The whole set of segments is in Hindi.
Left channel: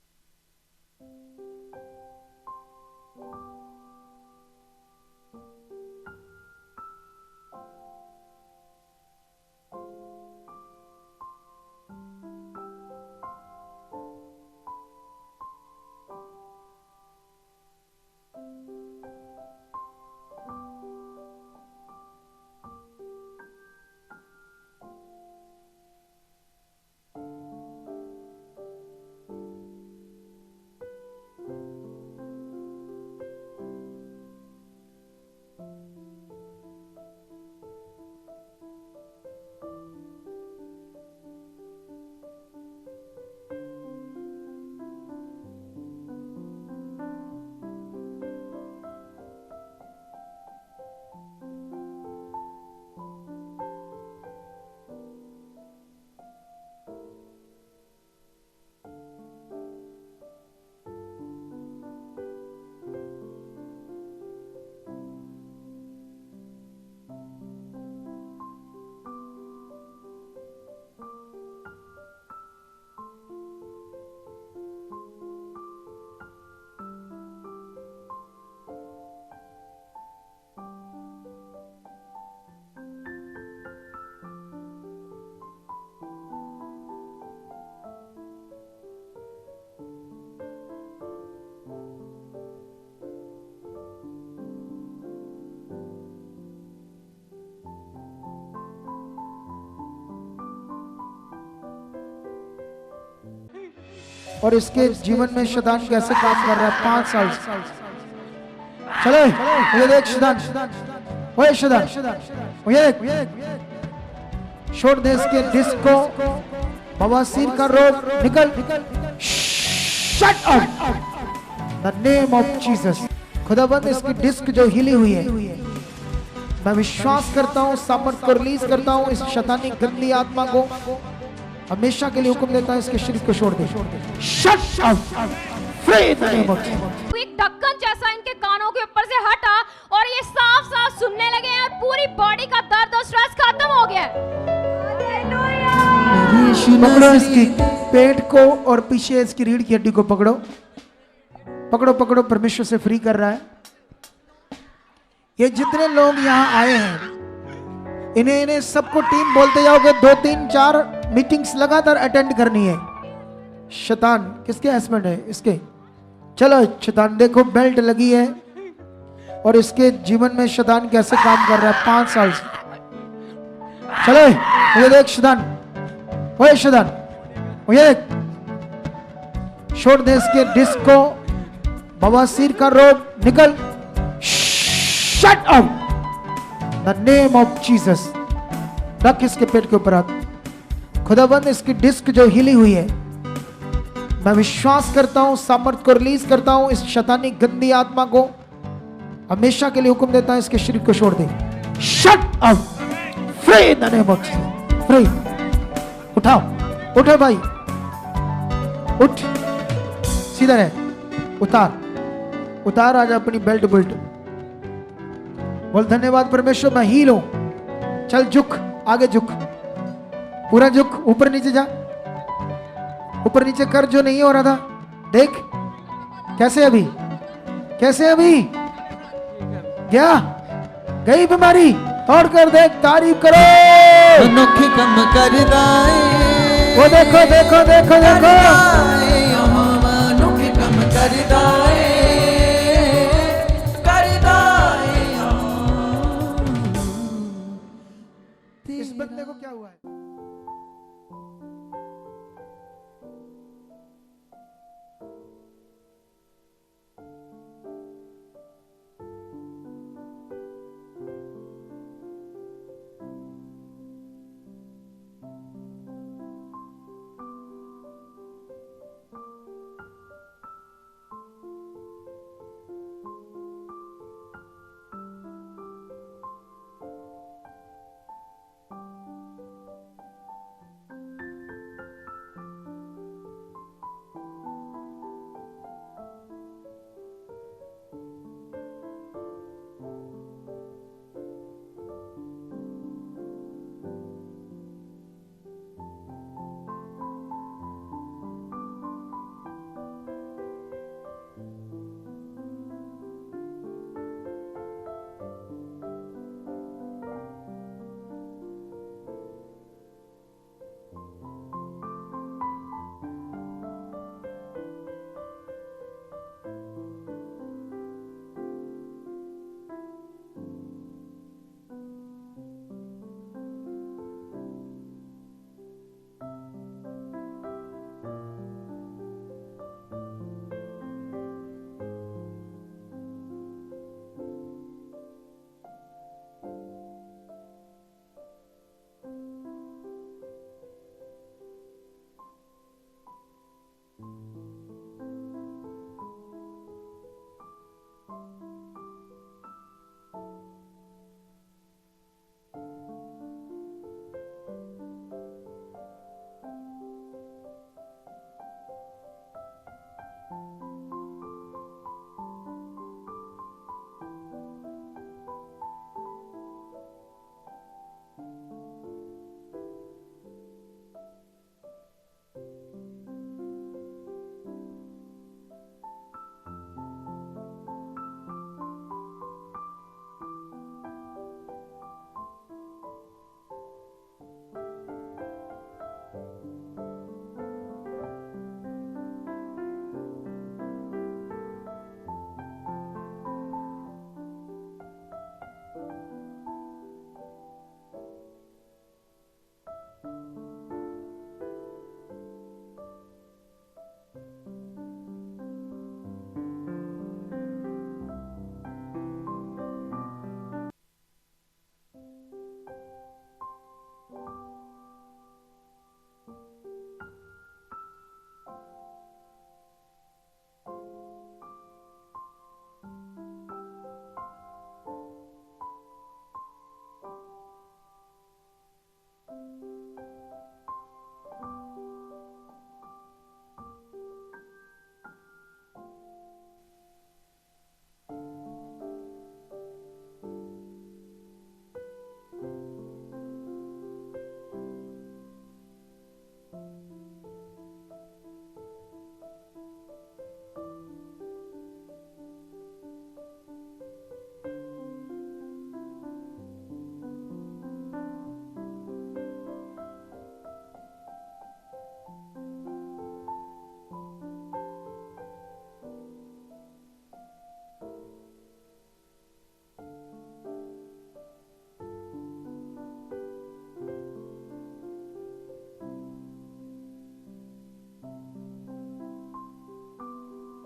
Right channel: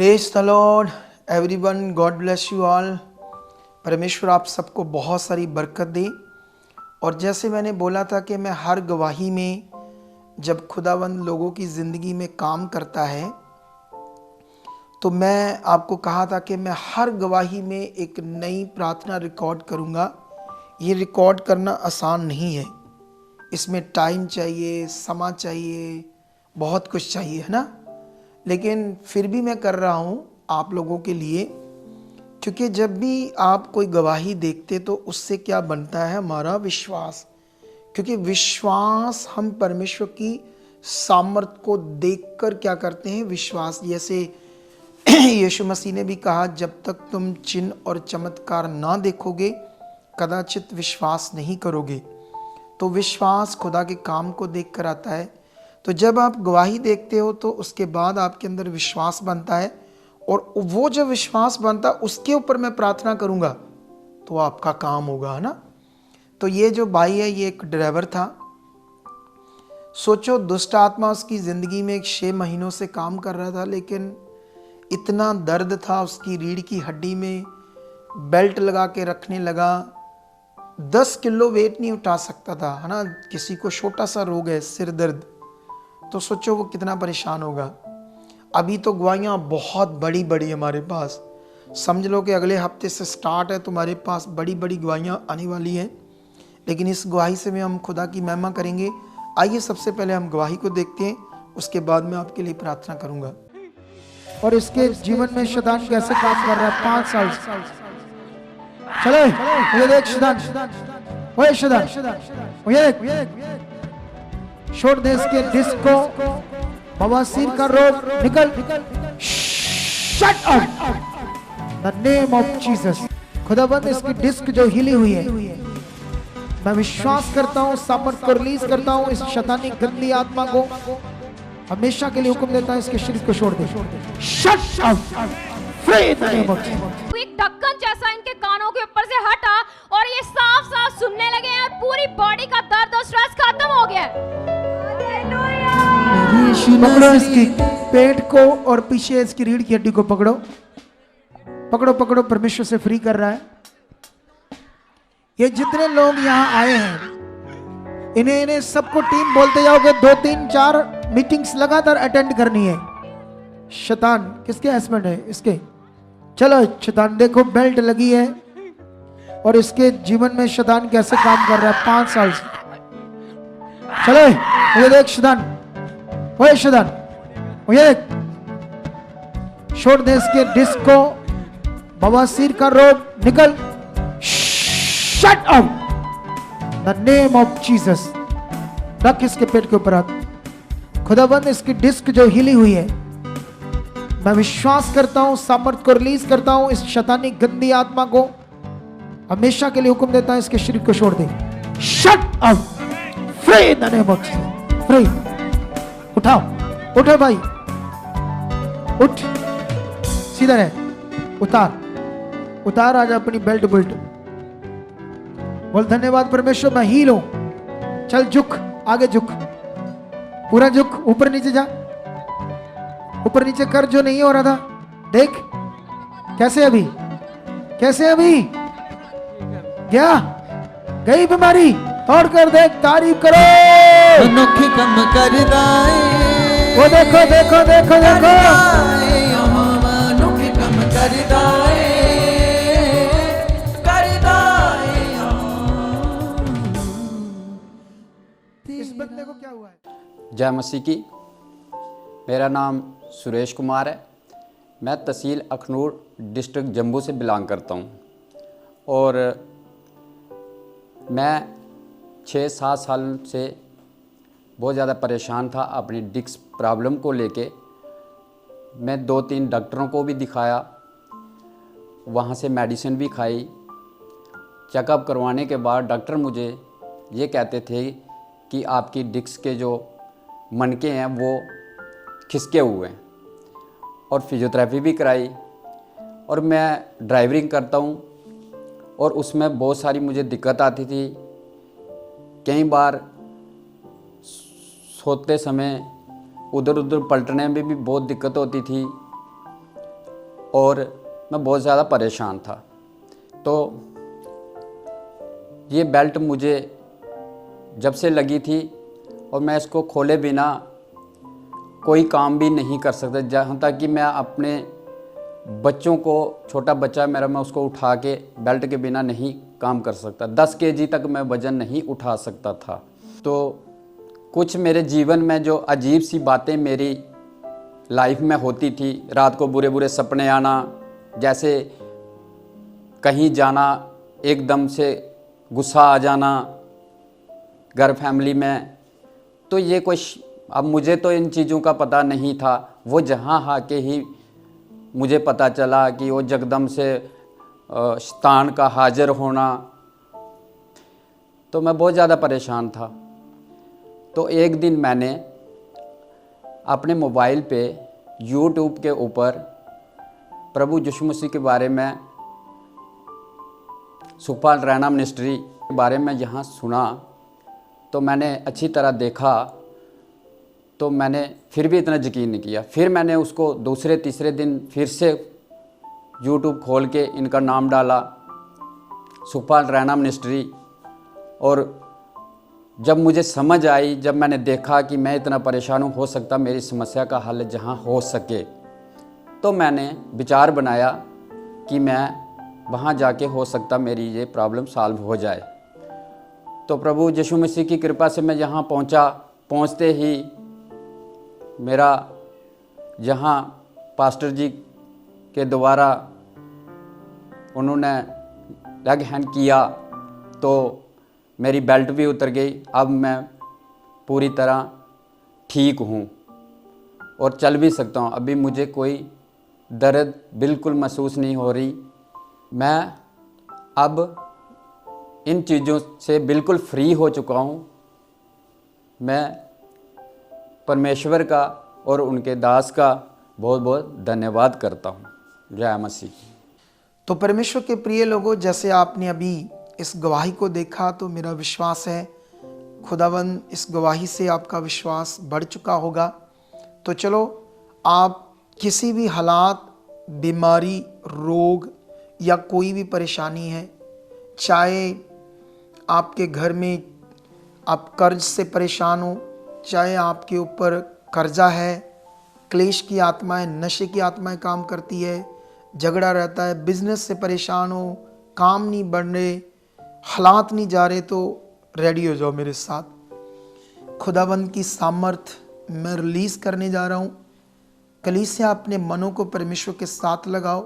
Praise the Lord everyone, God bless you all. परमेश्वर आप सबको बहुत सारी बरकत दे। और जैसे मैंने बोला था कि मैं हर गवाही में जब खुदावंद लोगों की ज़िंदगी में काम करता है तो मैं आपको कहा था कि मैं हर गवाही में एक नई प्रार्थना रिकॉर्ड करूँगा। ये रिकॉर्ड करना आसान नहीं है, इसमें टाइम चाहिए, समय चाहिए, बहुत कुछ चाहिए, है ना। लेकिन फिर भी मैं कर रहा हूँ आप लोगों के लिए, क्योंकि जब भी आप कोई गवाही देखते तो उससे क्या बनता है, हमारा विश्वास। क्योंकि विश्वास हम परमेश्वर की सामर्थ को देखकर क्या करते हैं, विश्वास। जैसे यीशु मसीह ने भी कहा, जब तक तुम चिन्ह और चमत्कार ना देखोगे कदाचित विश्वास नहीं करोगे। तो विश्वास खुदा के काम को देखकर आता है। तो जब आप गवाही देखते हो तो उसके बाद आपके अंदर विश्वास बनता है, और वो जब विश्वास बनता उसके ऊपर मैं प्रार्थना करूंगा तो आपका काम होगा, है ना। तो ये जो भाई है ये एक ड्राइवर था। सोचो, दुष्ट आत्मा उसकी ज़िंदगी में 6 महीनों से काम कर रहा था, लेकिन इतना दर्द था उसकी रीढ़ की हड्डी में, बेल्ट लगा के रखने लगा। 10 किलो वेट नहीं उठा सकता था, है ना। किसी को छोटा सा रोग है, सिर दर्द, तो सोचो वो कितना परेशान होगा। अभी तो गवाहियाँ बहुत बड़ी बड़ी हमारे पास, समझ लो कि अगले हफ्ते से स्टार्ट है, तुम्हारे पास बड़ी बड़ी गवाहियाँ आने वाली हैं। लेकिन इस गवाही से भी हम खुदा की महिमा करेंगे। आइए सबसे पहले हम गवाही को देखते हैं, उसके बाद मैं आपके लिए प्रार्थना करूंगा। और इसके जीवन में शैतान कैसे काम कर रहा है 5 साल से। चले ये देख शैतान, ओए शैतान, ये देख, छोड़ दे इसके डिस्क को, बवासीर का रोग निकल, shut up the name of Jesus. खुदाबंद इसकी डिस्क जो हिली हुई है, मैं विश्वास करता हूँ, सामर्थ को रिलीज करता हूँ। इस शैतानी गंदी आत्मा को हमेशा के लिए हुक्म देता है, इसके शरीर को छोड़ दे, shut up, free the name of Jesus. एक ढक्कन जैसा इनके कानों के ऊपर से हटा और ये साफ साफ सुनने लगे हैं, और पूरी बॉडी का दर्द और स्ट्रेस खत्म हो गया है। पकड़ो इसकी पेट को और पीछे इसकी रीढ़ की हड्डी को पकड़ो, पकड़ो पकड़ो, परमेश्वर से फ्री कर रहा है। ये जितने लोग यहाँ आए हैं इन्हें सबको टीम बोलते जाओगे, 2 3 4 मीटिंग्स लगातार अटेंड करनी है। शैतान किसके हस्बैंड है इसके? चलो शैतान देखो, बेल्ट लगी है और इसके जीवन में शैतान कैसे काम कर रहा है 5 साल से। चलो ये देख शैतान, ओए शैतान, ये देख, छोड़ दे इसके डिस्क को, बवासीर का रोग निकल, shut up the name of Jesus. रख इसके पेट के ऊपर हाथ। खुदाबंद इसकी डिस्क जो हिली हुई है, मैं विश्वास करता हूं, सामर्थ को रिलीज करता हूं। इस शैतानी गंदी आत्मा को हमेशा के लिए हुक्म देता है, इसके शरीर को छोड़ दे, shut up, free the name of Jesus, free. उठाओ, उठो भाई, उठ, सीधा रहे, उतार उतार, आज अपनी बेल्ट बुल्ट बोल, धन्यवाद परमेश्वर मैं हील हूं। चल झुक, आगे झुक, पूरा झुक, ऊपर नीचे जा, ऊपर नीचे कर, जो नहीं हो रहा था। देख कैसे अभी, कैसे अभी क्या गई बीमारी, तोड़ कर देख, तारीफ करो, अनोखे कम करदा है, वो देखो देखो देखो देखो, अनोखे कम करदा है, करदा है। इस बंदे को क्या हुआ है? जय मसीह की। मेरा नाम सुरेश कुमार है। मैं तहसील अखनूर डिस्ट्रिक्ट जम्मू से बिलोंग करता हूँ, और मैं 6-7 साल से बहुत ज़्यादा परेशान था अपनी डिस्क प्रॉब्लम को लेके। मैं 2-3 डॉक्टरों को भी दिखाया, वहाँ से मेडिसिन भी खाई। चेकअप करवाने के बाद डॉक्टर मुझे ये कहते थे कि आपकी डिस्क के जो मनके हैं वो खिसके हुए हैं, और फिजियोथेरेपी भी कराई। और मैं ड्राइवरिंग करता हूँ, और उसमें बहुत सारी मुझे दिक्कत आती थी। कई बार सोते समय उधर उधर पलटने में भी बहुत दिक्कत होती थी। और मैं बहुत ज़्यादा परेशान था। तो ये बेल्ट मुझे जब से लगी थी और मैं इसको खोले बिना कोई काम भी नहीं कर सकता, जहाँ तक कि मैं अपने बच्चों को, छोटा बच्चा मेरा, मैं उसको उठा के बेल्ट के बिना नहीं काम कर सकता। 10 केजी तक मैं वज़न नहीं उठा सकता था। तो कुछ मेरे जीवन में जो अजीब सी बातें मेरी लाइफ में होती थी, रात को बुरे बुरे सपने आना, जैसे कहीं जाना, एकदम से गुस्सा आ जाना घर फैमिली में, तो ये अब मुझे तो इन चीज़ों का पता नहीं था। वो जहाँ आके ही मुझे पता चला कि वो जगदम से शैतान का हाजिर होना, तो मैं बहुत ज़्यादा परेशान था। तो एक दिन मैंने अपने मोबाइल पे YouTube के ऊपर प्रभु यीशु मसीह के बारे में, सुखपाल रैना मिनिस्ट्री के बारे में यहाँ सुना, तो मैंने अच्छी तरह देखा, तो मैंने फिर भी इतना यकीन नहीं किया। फिर मैंने उसको दूसरे तीसरे दिन फिर से YouTube खोल के इनका नाम डाला, सुखपाल रैना मिनिस्ट्री, और जब मुझे समझ आई, जब मैंने देखा कि मैं इतना परेशान हूँ, हो सकता मेरी समस्या का हल जहाँ हो सके, तो मैंने विचार बनाया कि मैं वहाँ जाके हो सकता मेरी ये प्रॉब्लम सॉल्व हो जाए। तो प्रभु यीशु मसीह की कृपा से मैं यहाँ पहुँचा। पहुँचते ही मेरा यहाँ पास्टर जी के द्वारा उन्होंने लेग हैंड किया, तो मेरी बेल्ट भी उतर गई। अब मैं पूरी तरह ठीक हूँ और चल भी सकता हूँ। अभी मुझे कोई दर्द बिल्कुल महसूस नहीं हो रही। मैं अब इन चीज़ों से बिल्कुल फ्री हो चुका हूँ। मैं परमेश्वर का और उनके दास का बहुत बहुत धन्यवाद करता हूँ। जय मसीह। तो परमेश्वर के प्रिय लोगों, जैसे आपने अभी इस गवाही को देखा, तो मेरा विश्वास है खुदावंद इस गवाही से आपका विश्वास बढ़ चुका होगा। तो चलो, आप किसी भी हालात, बीमारी, रोग या कोई भी परेशानी है, चाहे आपके घर में आप कर्ज से परेशान हो, चाहे आपके ऊपर कर्जा है, क्लेश की आत्माएं, नशे की आत्माएं काम करती है, झगड़ा रहता है, बिजनेस से परेशान हो, काम नहीं बढ़ रहे, हालात नहीं जा रहे, तो रेडी हो जाओ मेरे साथ। खुदावंद की सामर्थ मैं रिलीज करने जा रहा हूँ। कलीसिया अपने मनों को परमेश्वर के साथ लगाओ।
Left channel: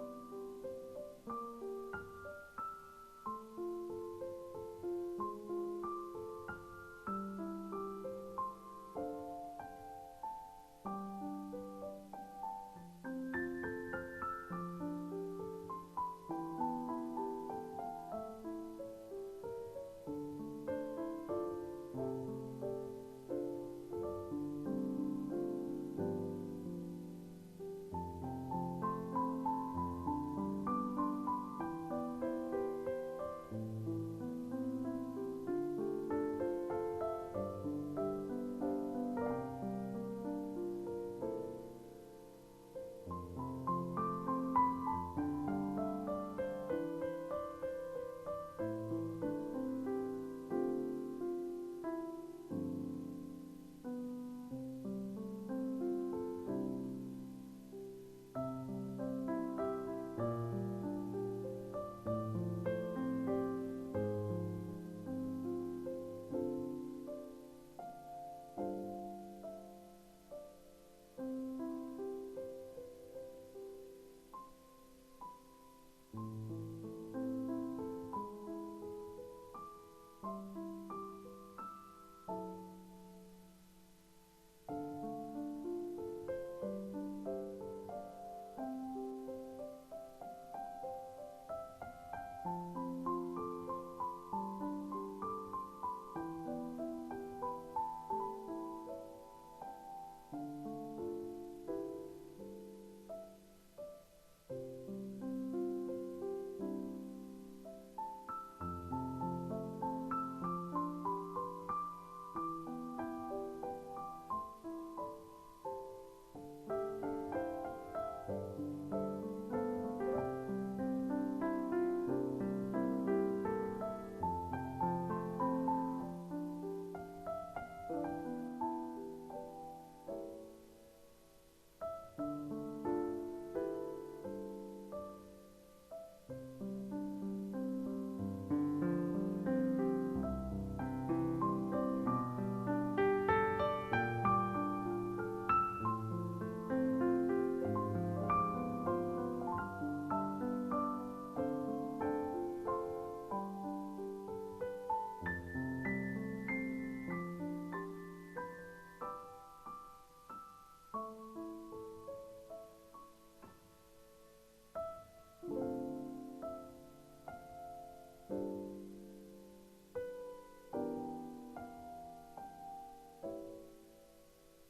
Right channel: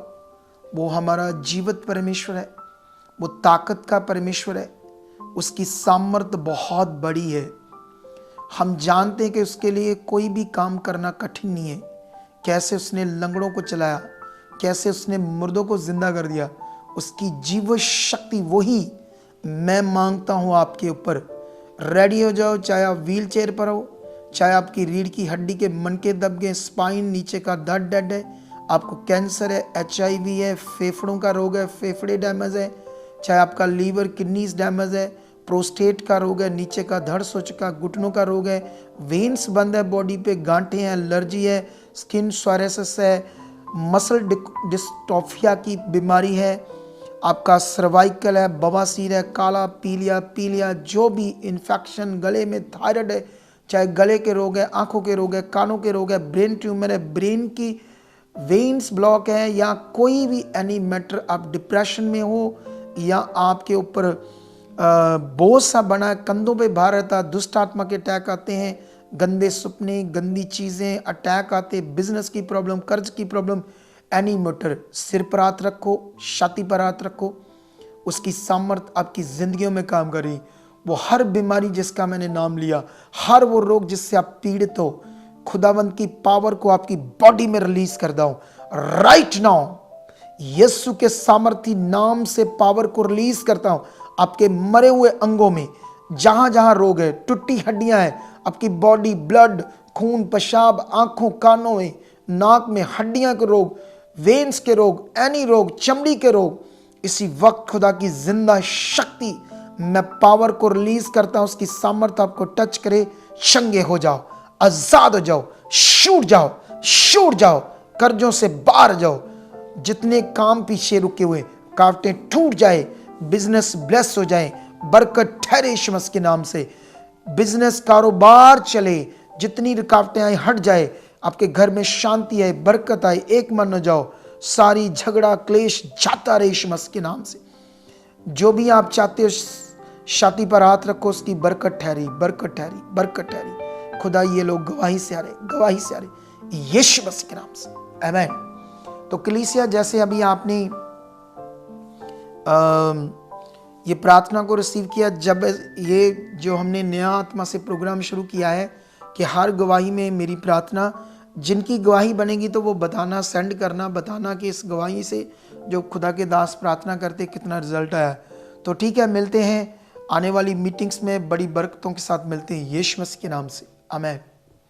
वो हमारा जीवित परमेश्वर है, वो ताकत का परमेश्वर है, उसकी सामर्थ बहुत बड़ी है। हम जानते हैं कि उसके लिए कोई भी काम करना कठिन नहीं है। कैसे उसने लंगड़ों को चलाया, कैसे उसने मुर्दों को जिंदा कर दिया, उसकी जीव शक्ति वही मैं मांगता हूँ आपके ऊपर। रेडी हो जाओ, चाहे आप व्हील चेयर पर हो, चाहे आपकी रीढ़ की हड्डी के मनके दब गए, स्पाइन नीचे का दर्द डेड है, आपको कैंसर है, HIV है, फेफड़ों का रोग है, फेफड़े डैमेज है, चाहे आपका लीवर किडनीज डैमेज है, प्रोस्टेट का रोग है, नीचे का धड़ सोच का, घुटनों का रोग है, वेन्स बंद है बॉडी पे, गांठें हैं, एलर्जी है, स्किन सोरायसिस है, मसल डिस्ट्रोफिया की बीमारी है, आपका सर्वाइकल है, बवासीर है, काला पीलिया, जो भी इन्फेक्शन, गले में थायराइड है, चाहे गले के रोग है, आंखों के रोग है, कानों के रोग है, ब्रेन ट्यूमर है, ब्रेन की वेन्स ब्लॉक है, या कोई भी एनी मैटर, आप डिप्रेशन में हो, या आपके ऊपर बोझ सा बना है, कंधों पे भार रहता, दुष्ट आत्मा के अटैक आते हैं, गंदे सपने, गंदी चीज़ें, अटैक आते, बिजनेस की प्रॉब्लम, कर्ज की प्रॉब्लम, एनी मैटर, सिर पर हाथ रखो, छाती पर हाथ रखो, उसकी सामर्थ आपकी जिंदगियों में काम कर रही। वो हर बीमारी जिसका मैंने नाम लिया, हर वो रोग जिससे आप पीड़ित हो, खुदावंद की पावर को आपकी बॉडी में रिलीज कर दो राइट नाउ। यीशु के सामर्थी नाम से पावर को रिलीज करता हूं आपके मरे हुए अंगों में, जहां जहां रोग है, टूटी हड्डियां हैं, आपकी बॉडी, ब्लड, खून, पेशाब, आंखों, कानों में, नाक में, हड्डियां के रोग, वेन्स के रोग, एनी रोग, चमड़ी के रोग, इसी वक्त खुदा की जिंदा शक्ति मैं पावर को रिलीज करता हूं, उसकी सामर्थ्य आपको टच करे, चंगे हो जाओ, आजाद हो जाओ, छूट जाओ, कर्जों से बाहर जाओ, जितने काम पीछे रुके हुए कावटें टूट जाए, बिजनेस ब्लेस हो जाए, बरकत ठहरे यीशु मसीह के नाम से, बिजनेस कारोबार चले, जितनी रुकावटें आए हट जाए, आपके घर में शांति आए, बरकत आए, एक मन हो जाओ, सारी झगड़ा क्लेश जाता रहे यीशु मसीह के नाम से। जो भी आप चाहते हो छाती पर हाथ रखो, उसकी बरकत ठहरी, बरकत ठहरी, बरकत ठहरी। खुदा ये लोग गवाही से आ रहे, गवाही से आ रहे यीशु मसीह के नाम से, आमीन। तो कलीसिया, जैसे अभी आपने ये प्रार्थना को रिसीव किया, जब ये जो हमने नया आत्मा से प्रोग्राम शुरू किया है कि हर गवाही में मेरी प्रार्थना, जिनकी गवाही बनेगी तो वो बताना, सेंड करना, बताना कि इस गवाही से जो खुदा के दास प्रार्थना करते कितना रिजल्ट आया। तो ठीक है, मिलते हैं आने वाली मीटिंग्स में, बड़ी बरकतों के साथ मिलते हैं यीशु मसीह के नाम से, आमीन।